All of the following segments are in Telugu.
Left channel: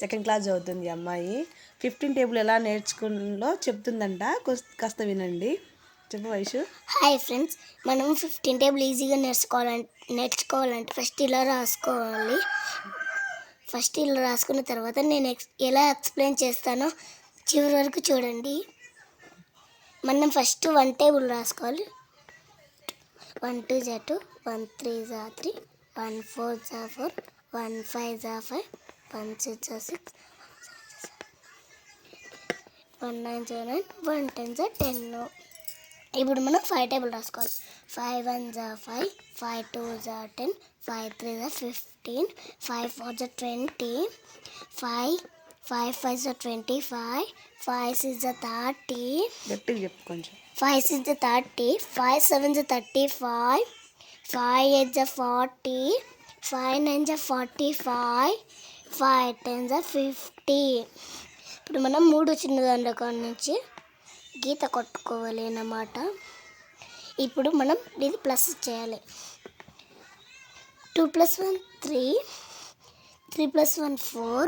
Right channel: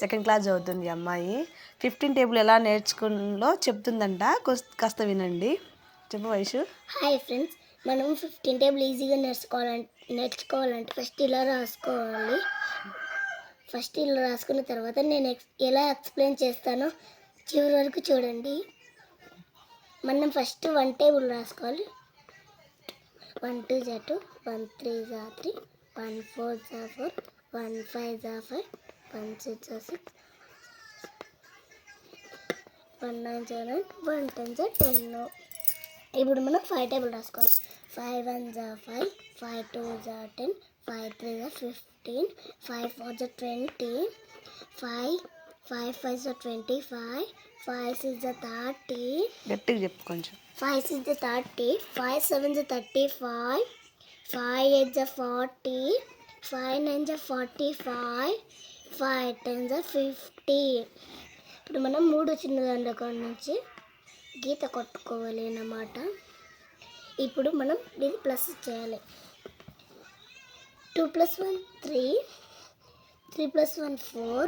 సెకండ్ క్లాస్ చదువుతుంది అమ్మాయి. 15 టేబుల్ ఎలా నేర్చుకున్నో చెప్తుందంట. కాస్త వినండి. చెప్పు వైషు. హాయ్ ఫ్రెండ్స్, మనం 15 టేబుల్ ఈజీగా నేర్చుకోవాలంటే ఫస్ట్ ఇలా రాసుకోవాలి. ఫస్ట్ ఇలా రాసుకున్న తర్వాత నేను ఎలా ఎక్స్ప్లెయిన్ చేస్తానో చివరి వరకు చూడండి. మనం ఫస్ట్ 1 టేబుల్ రాసుకోవాలి. 1 2 × 2, 1 3 × 3, 1 4 × 4, 1 5 × 5, 1 6 × 6, 1 9 × 9, 1 10 × 10. ఇప్పుడు మనం 5 టేబుల్ రాసుకోవాలి. 5 1 × 5, 5 2 × 10, 5 3 × 15, 5 4 × 20, 5 5 × 25, 5 6 × 30. గట్టిగా చెప్పు కొంచెం. 5 6 × 30, 5 7 × 35, 5 8 × 40, 5 9 × 45, 5 10 × 50. ఇప్పుడు మనం 3 చిన్నదాండ్ల కాడ నుంచి గీత కొట్టుకోవాలి అన్నమాట. ఇప్పుడు మనం ఇది ప్లస్ చేయాలి. 2 + 1 3, 3 + 1 4,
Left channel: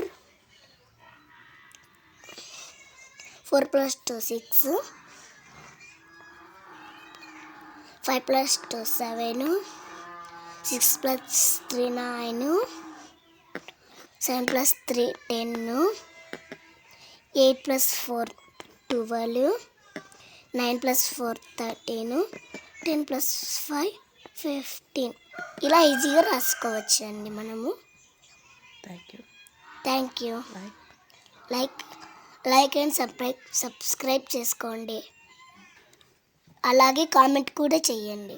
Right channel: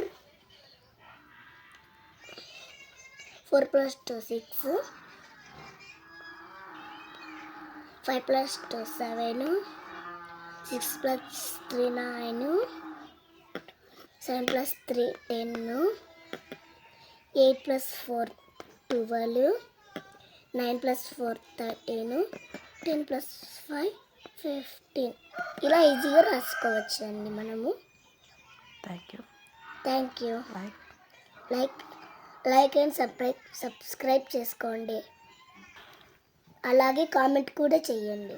4 + 2 6, 5 + 2 7, 6 + 3 9, 7 + 3 10, 8 + 4 12, 9 + 4 13, 10 + 5 15. ఇలా ఈజీగా రాసుకోవచ్చు అండి మనము. Thank you. Like and subscribe చేసుకోండి. అలాగే కామెంట్ కూడా చేయండి.